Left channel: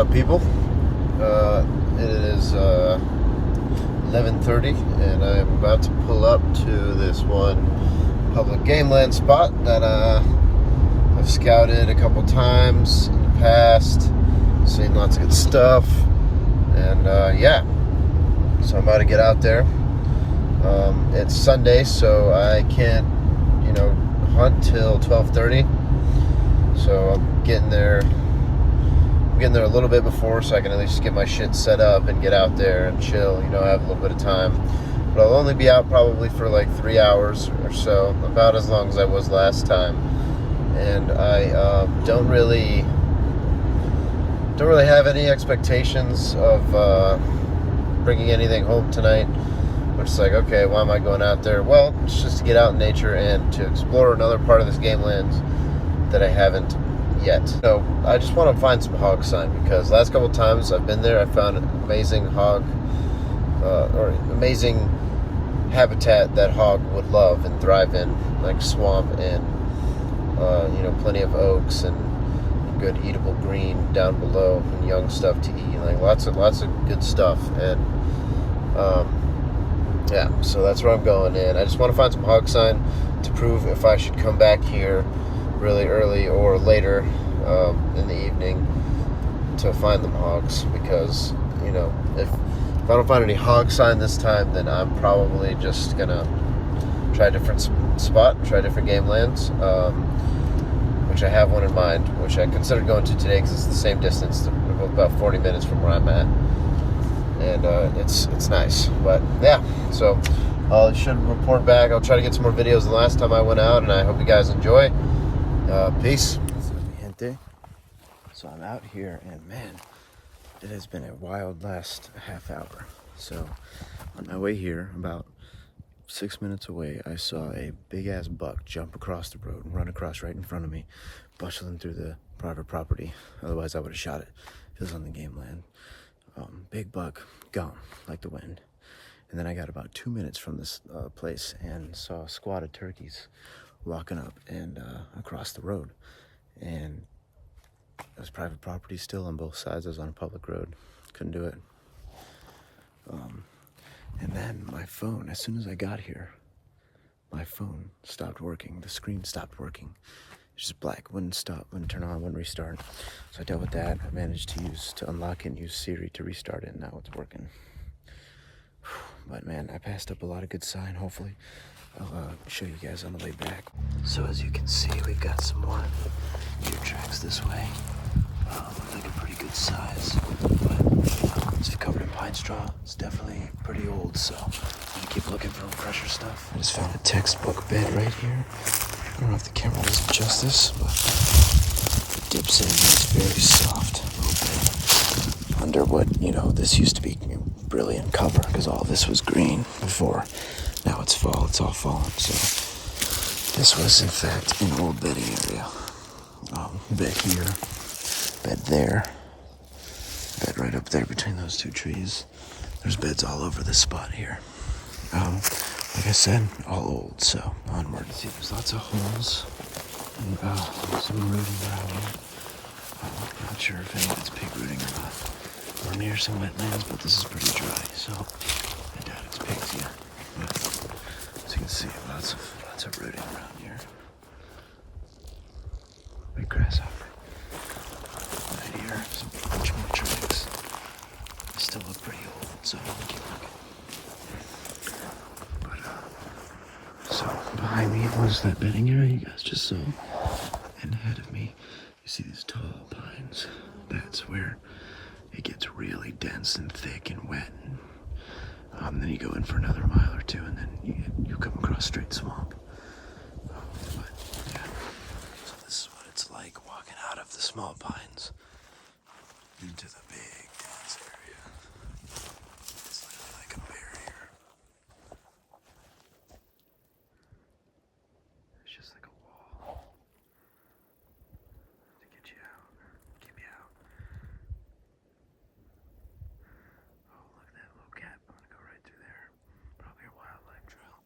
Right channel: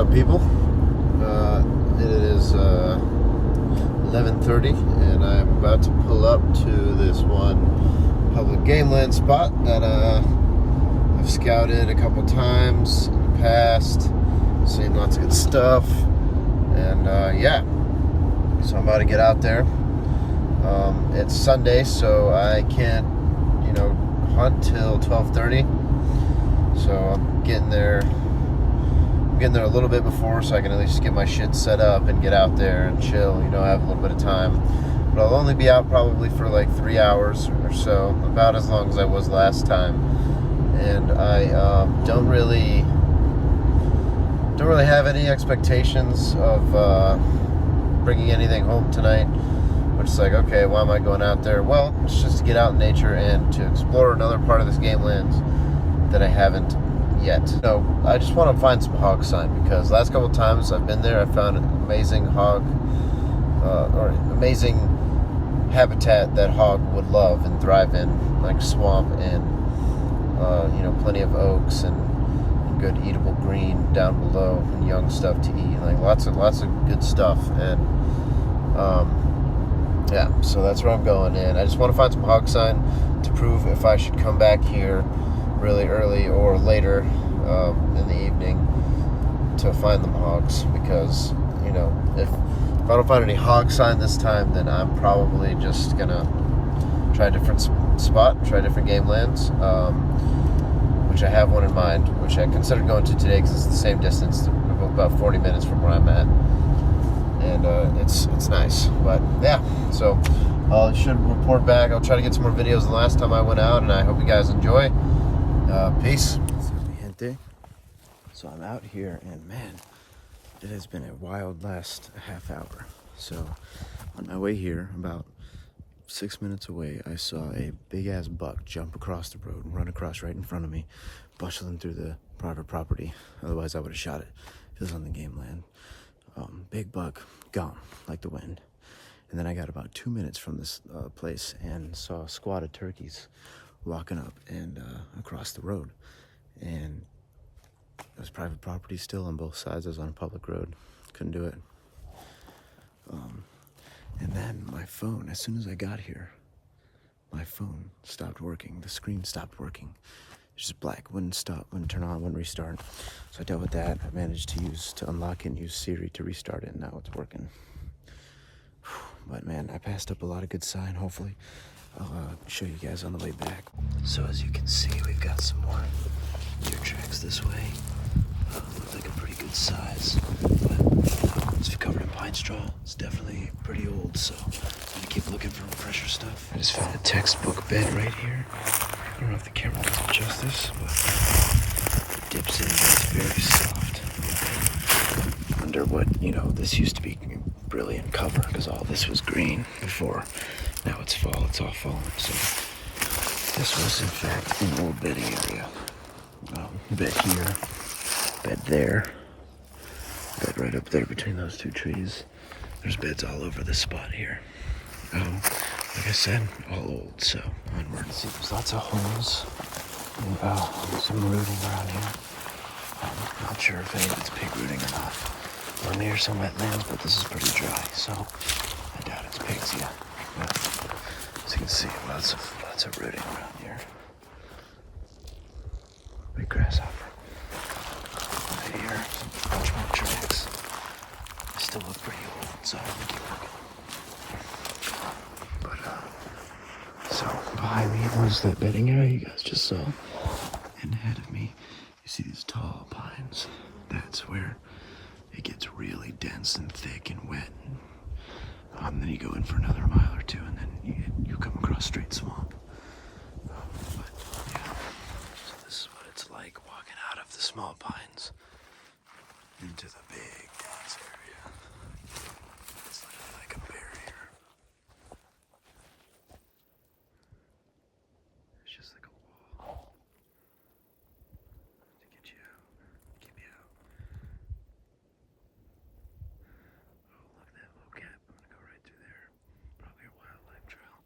up, people? It is 11:30, and I am about to pull up to this one public game land spot that I've scouted a couple times in the past, seen lots of good stuff, and yeah, so I'm about to get out there. It's Sunday, so I can't, hunt till 12:30. So I'm getting there a little bit before, so I can at least get my shit set up and get out there and chill. I have a little bit of time, but I'll only be out probably for like 3 hours or so, about as long as I was last time. And I don't really have any expectations of bringing anything home tonight. Which is like, okay, why am I going out there? Well, it's just to get out in nature and to explore another part of this game lands that I haven't yet. So I just want to find some hog sign, because last couple of times I've been there, I found amazing hog or amazing habitat that hog would love and thrive in, like swamp and plenty of oaks and good eatable green down below and young stuff to eat, like lots of good stuff. And yeah, so that's where I'm going in. I just want to find some hog sign to prove if I should come back here really early or later in the evening to find them hogs, because if I don't find any hog sign this time, then I'm probably just gonna try a different spot, try different game lands, which I have one in mind, which I considered going to today because it's the same distance, about 40 minutes from where I'm at, and it's nice. But yeah, so I should report back. I'll try to get some more videos than last time I went out, and I hope you guys enjoy. Peace. So I'm out here, and man, it has been a wild last half hour. So on my way here, about 6 minutes away, I saw a big ass buck jump across the road and run across right in front of me, bustling through the private property. Otherwise I would have shot it. It was on the game land. Big buck, gone like the wind. And then I got about 2 minutes from this place and saw a squad of turkeys walking up and across the road. And it was private property still on both sides. I was on a public road. Couldn't do it. And then my phone, as soon as I got here, my phone stopped working. The screen stopped working. It's just black. Wouldn't stop, wouldn't turn on, wouldn't restart. So I dealt with that. I managed to unlock it and use Siri to restart it, and now it's working. But man, I passed up a lot of good sign. Hopefully I'll show you guys on the way back. So as you can see, we've got some more deer tracks this way. Looks like a pretty good size. It's covered in pine straw. It's definitely pretty old, so I'm gonna keep looking for pressure stuff. I just found a textbook bed right here. I don't know if the camera does it justice, but it dips in and it's very soft. Under what, this used to be brilliant cover, because all this was green before. Now it's fall, it's all fallen. So this was in fact an old bedding area. Bed here, bed there, bed right up there between those two trees. There's beds all over this spot here. Like I said, all old, so onward. See, there's lots of holes and some rooting around here. I'm not sure if any of it's pig rooting or not. We're near some wetlands, but this is pretty dry, so I doubt it's pigs yet. But, as you can see, lots of rooting around here. Big grasshopper. Right here, a bunch more tracks. They still look pretty old, so I'm gonna keep looking. But, so behind me was that bedding area you guys just saw. And ahead of me, you see these tall pines. That's where it gets really dense and thick and wet. Then you go in for another mile or two, and then you come across straight swamp. But yeah, so this is what it's like walking out of the small pines into the big dense area. It's literally like a barrier. It's just like a wall to get you out, or keep you out. Oh, look at that little gap. I'm gonna go right through there. Probably a wildlife trail.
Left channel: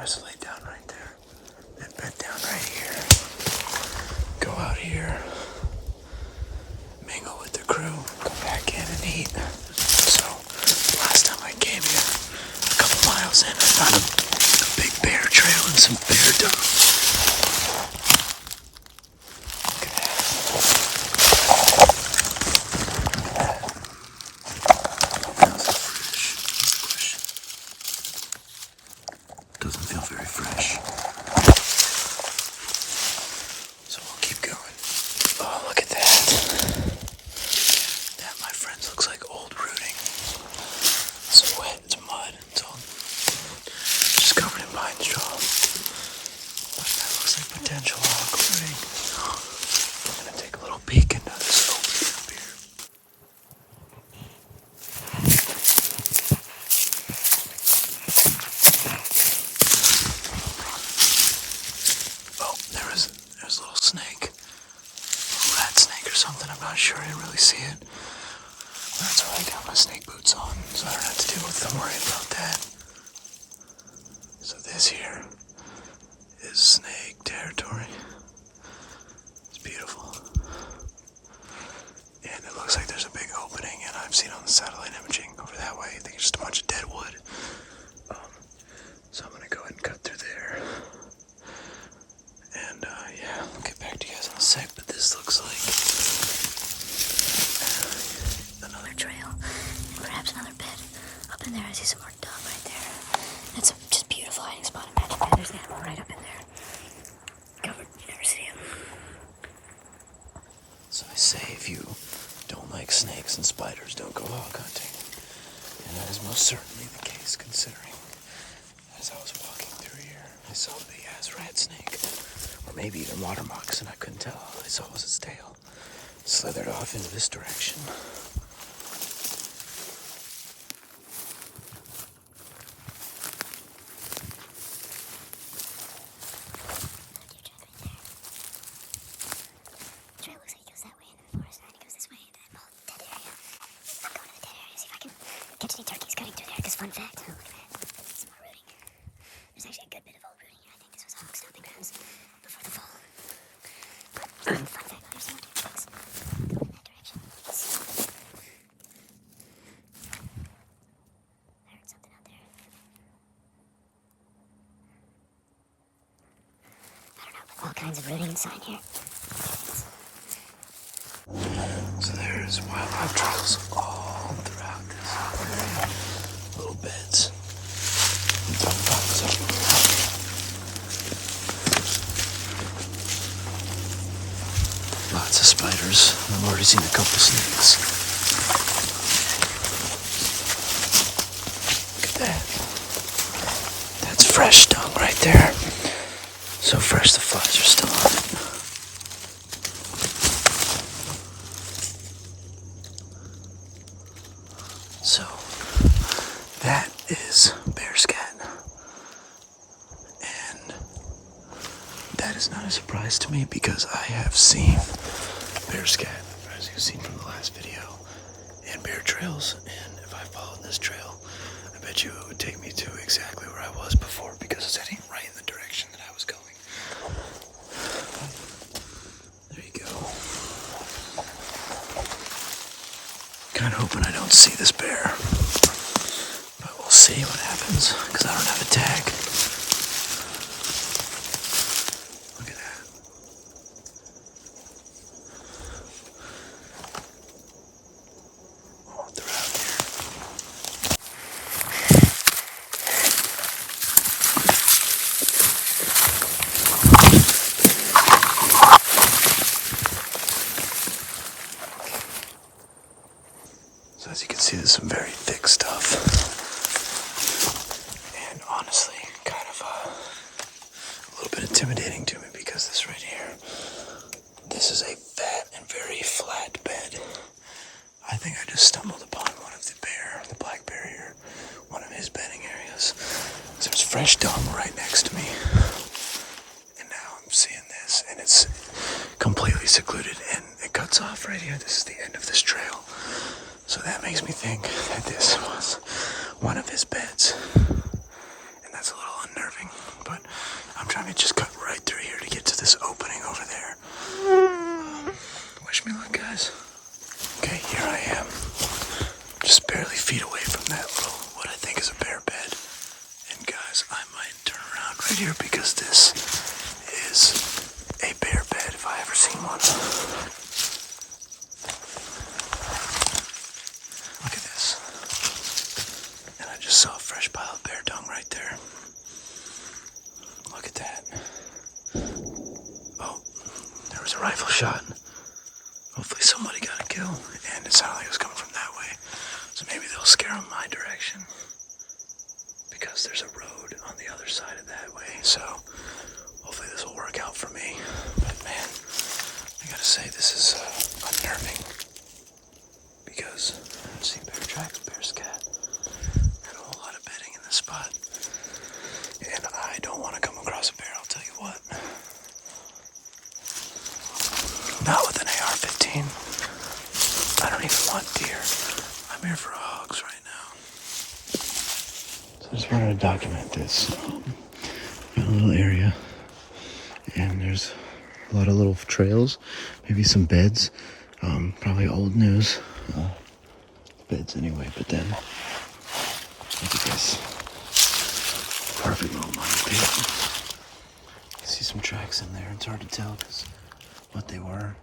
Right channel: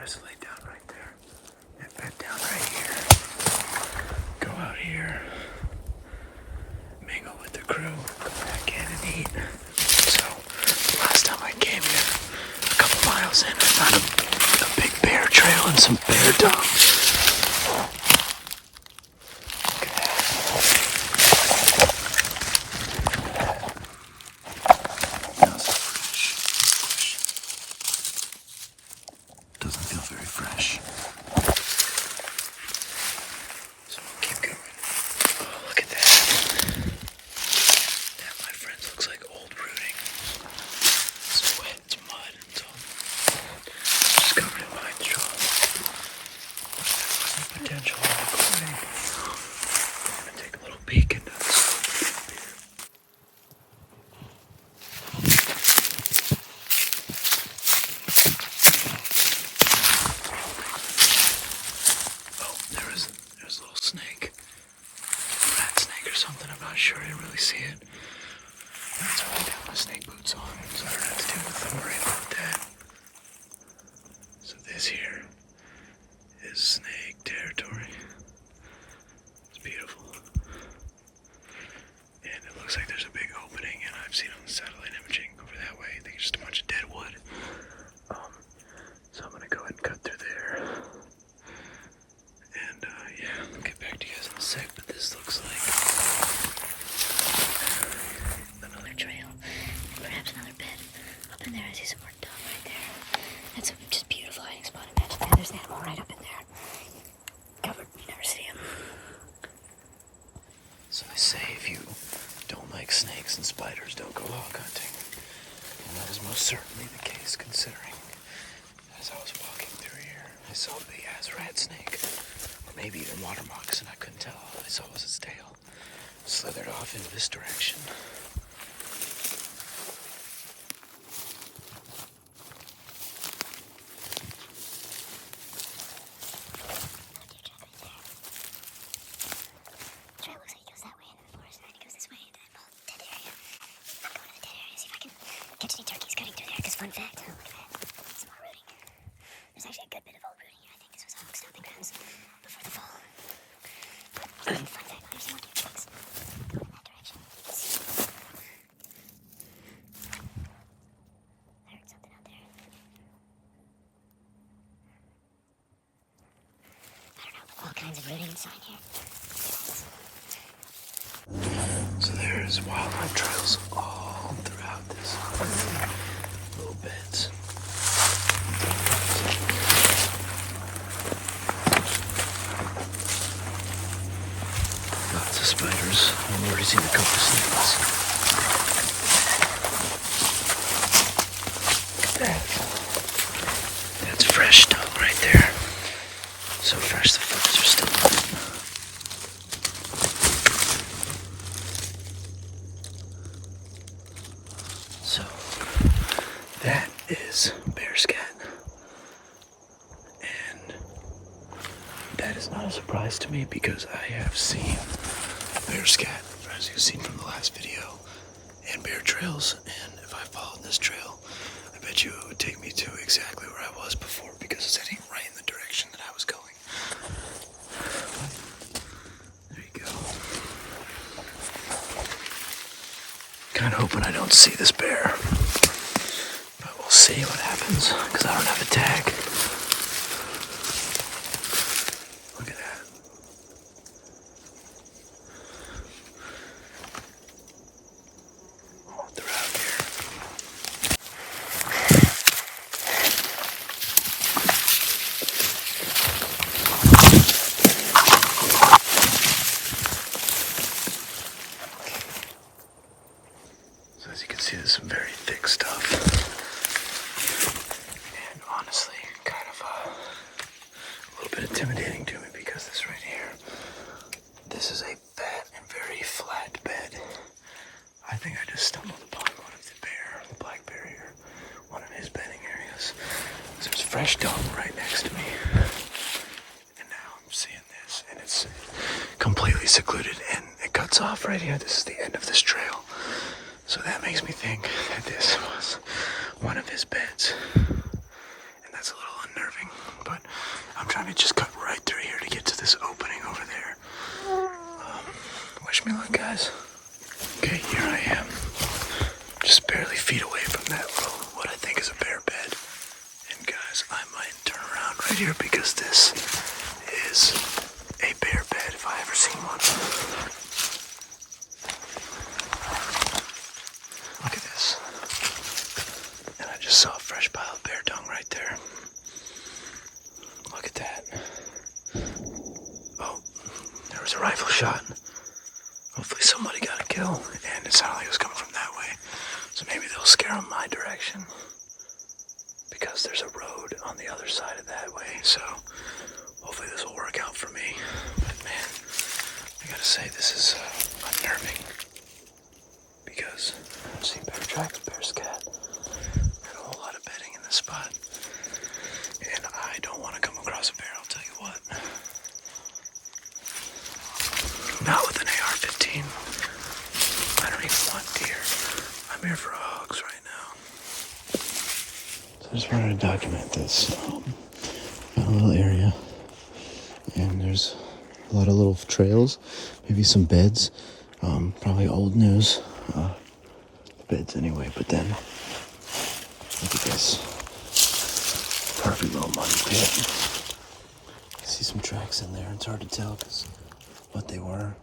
press lay down right there. Then bed down right here. Go out here. Mingle with the crew. Go back in and eat. So, last time I came here, a couple miles in, I found a big bear trail and some bear dogs. Look at that. How's it fresh? Doesn't feel very fresh. So we'll keep going. Oh, look at that. That, my friends, looks like old rooting. It's wet, it's mud, it's all just covered in mine too. That looks like potential old rooting. I'm gonna take a little peek into this opening up here. Oh, there's a little snake. Rat snake or something, I'm not sure, I didn't really see it. That's why I got my snake boots on, so I don't have to deal with them, worry about that. So this here is snake territory. It's beautiful. And it looks like there's a big opening, and I've seen on the satellite imaging over that way, I think it's just a bunch of dead wood. So I'm gonna go ahead and cut through there. And yeah, I'll get back to you guys in a sec, but this looks like another trail. Perhaps another bed. Up in there, I see some more dung right there. That's a just beautiful hiding spot. Imagine that. There's an animal right up in there. Covered. You never see him. So they say if you don't like snakes and spiders, don't go hawk hunting. And that was most certainly the case, considering as I was walking through here, I saw a big ass rat snake. Or maybe even water moccasin, I couldn't tell. All I saw was its tail. Slithered off in this direction. Fun fact, oh, look at that. Some more rooting. There's actually a good bit of old rooting here. I think this was all stomping grounds before the fall. Fun fact, there's some more chicks going in that direction. You can see. I heard something out there. I don't know, all kinds of rooting inside here. So there's wildlife trails all throughout this. Little beds. Lots of spiders. I've already seen a couple of snakes. Look at that. That's fresh dung right there. So fresh the flies are still on it. So that is bear scat, and that is not a surprise to me because I have seen bear scat, as you've seen from the last video, and bear trails, and if I followed this trail, I bet you it would take me to exactly where I was before because it's heading right in the direction that I was going. But there you go. Kind of hoping I don't see this bear. But we'll see what happens, because I don't have a tag. Look at that. All throughout here. So as you can see, there's some very thick stuff. And honestly, kind of a little bit intimidating to me because this right here, this is a fat and very flat bed. I think I just stumbled upon one of the black bear here, one of his bedding areas. There's fresh dung right next to me. And now I'm seeing this, and it's completely secluded, and it cuts off right here. This is the end of this trail. So that makes me think that this was one of his beds. And that's a little unnerving. I'm trying to just cut right through here to get to this opening over there. Wish me luck, guys. Okay, here I am. Just barely feet away from that little, what I think is a bear bed. And guys, I might turn around right here because this is a bear bed if I ever seen one. Look at this. And I just saw a fresh pile of bear dung right there. Look at that. Oh, there was a rifle shot. Hopefully somebody got a kill, and it sounded like it was coming from that way. So maybe they'll scare them my direction, because there's a road on the other side of that way, so hopefully this will work out for me. But man, I gotta say, this is unnerving, because I've seen bear tracks, bear scat, and a whole lot of bedding in this spot. And I don't want to come across a bear, I'll tell you what. Not with an AR-15. I don't even want deer. I'm here for hogs right now. So I just wanted to document this. Got a little area, and there's a lot of little trails, maybe some beds, probably old news. The beds anyway, but then look at this. Perfect little money pit. See some tracks in there. It's hard to tell because what they were,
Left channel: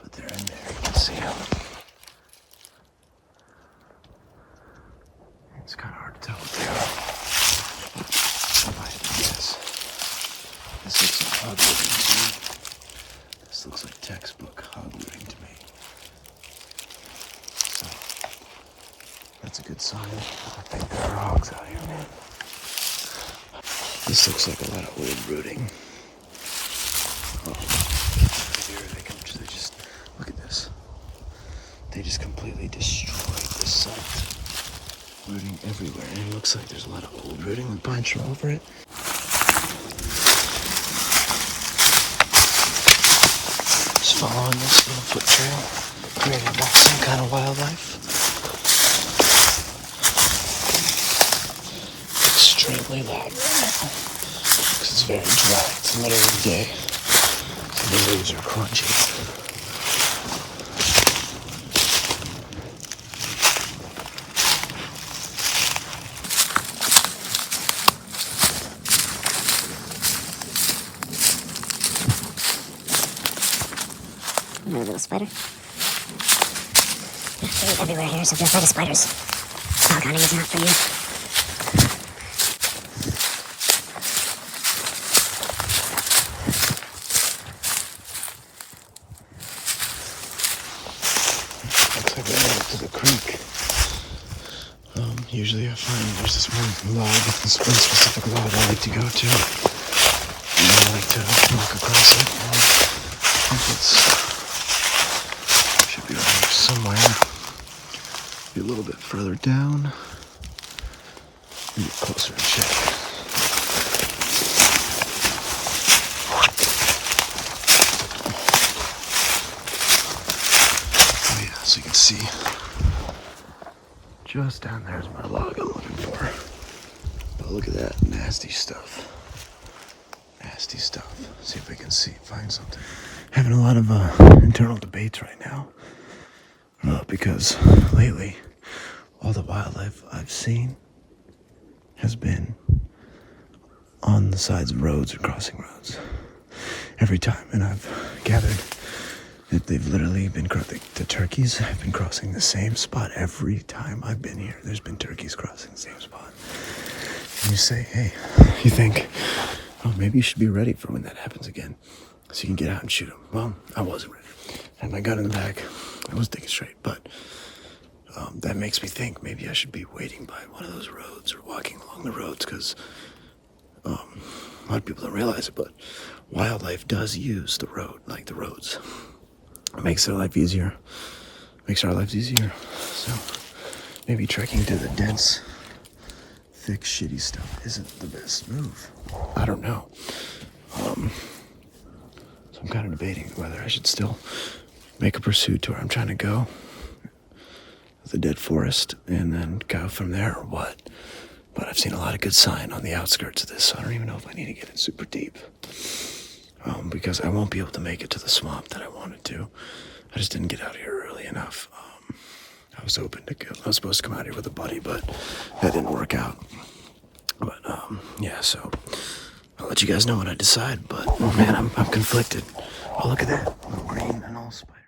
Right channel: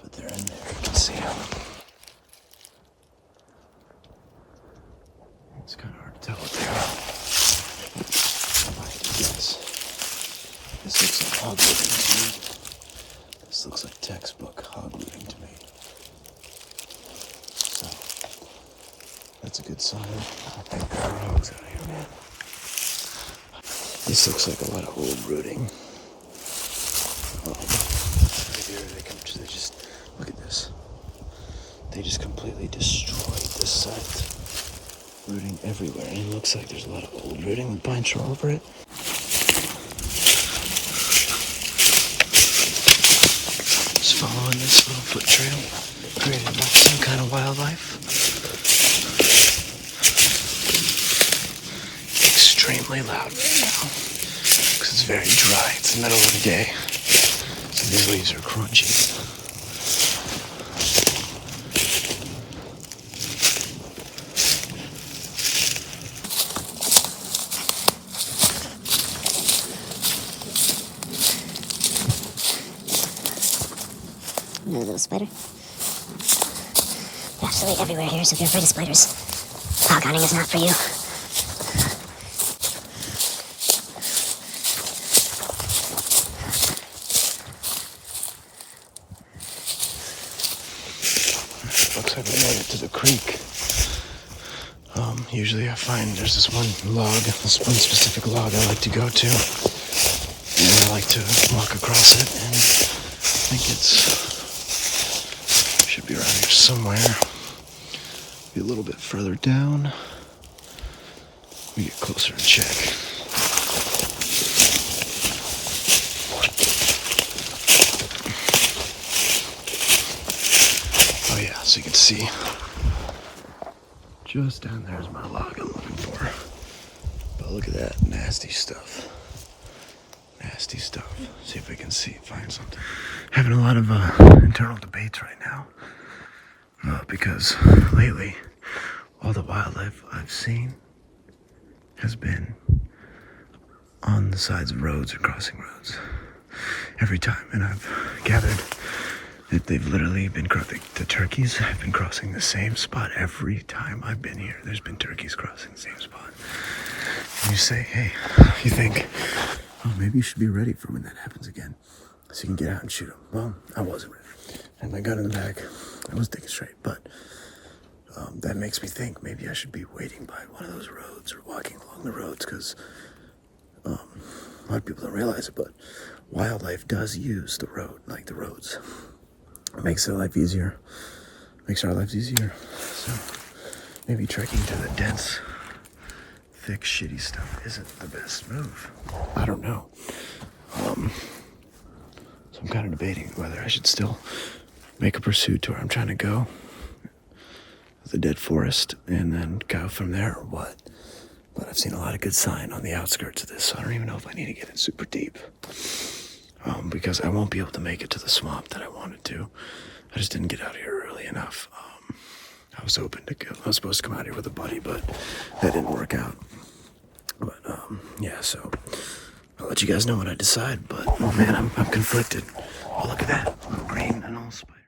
but they're in there. You can see them. It's kind of hard to tell what they are. If I had to guess, this looks like hog looting to me. This looks like textbook hog looting to me. So that's a good sign. I think there are hogs out here, man. This looks like a lot of old rooting. They just look at this. They just completely destroyed this site. Rooting everywhere, and it looks like there's a lot of old rooting with pine straw over it. Just following this little foot trail created by some kind of wildlife. Extremely loud right now. It's very dry. It's the middle of the day. So the leaves are crunchy. Another little spider. They're actually everywhere here, so if you're afraid of spiders, hog hunting is not for you. Looks like we made it to the creek. Usually I find there's this one log, this one specific log I like to go to. And I like to walk across it, and I think should be around here somewhere. Be a little bit further down. Let me get closer and check. Oh yeah, so you can see just down there is my log I'm looking for. But look at that nasty stuff. Nasty stuff. See if we can find something. Having a lot of internal debates right now. Because lately, all the wildlife I've seen has been on the sides of roads or crossing roads. Every time. And I've gathered that they've literally been the turkeys have been crossing the same spot every time I've been here. There's been turkeys crossing the same spot. And you say, hey, you think, oh, maybe you should be ready for when that happens again, so you can get out and shoot them. Well, I wasn't ready. I had my gun in the back. I was thinking straight, but that makes me think maybe I should be waiting by one of those roads or walking along the roads, because a lot of people don't realize it, but wildlife does use the road, like the roads. It makes their life easier. Makes our lives easier. So maybe trekking to the dense, thick, shitty stuff isn't the best move. I don't know. So I'm kind of debating whether I should still make a pursuit to where I'm trying to go, the dead forest, and then go from there, or what. But I've seen a lot of good sign on the outskirts of this, so I don't even know if I need to get it super deep. Because I won't be able to make it to the swamp that I wanted to. I just didn't get out here early enough. I was supposed to come out here with a buddy, but that didn't work out. But yeah, so I'll let you guys know what I decide. But oh man, I'm conflicted. Oh, look at that, green and all spicy.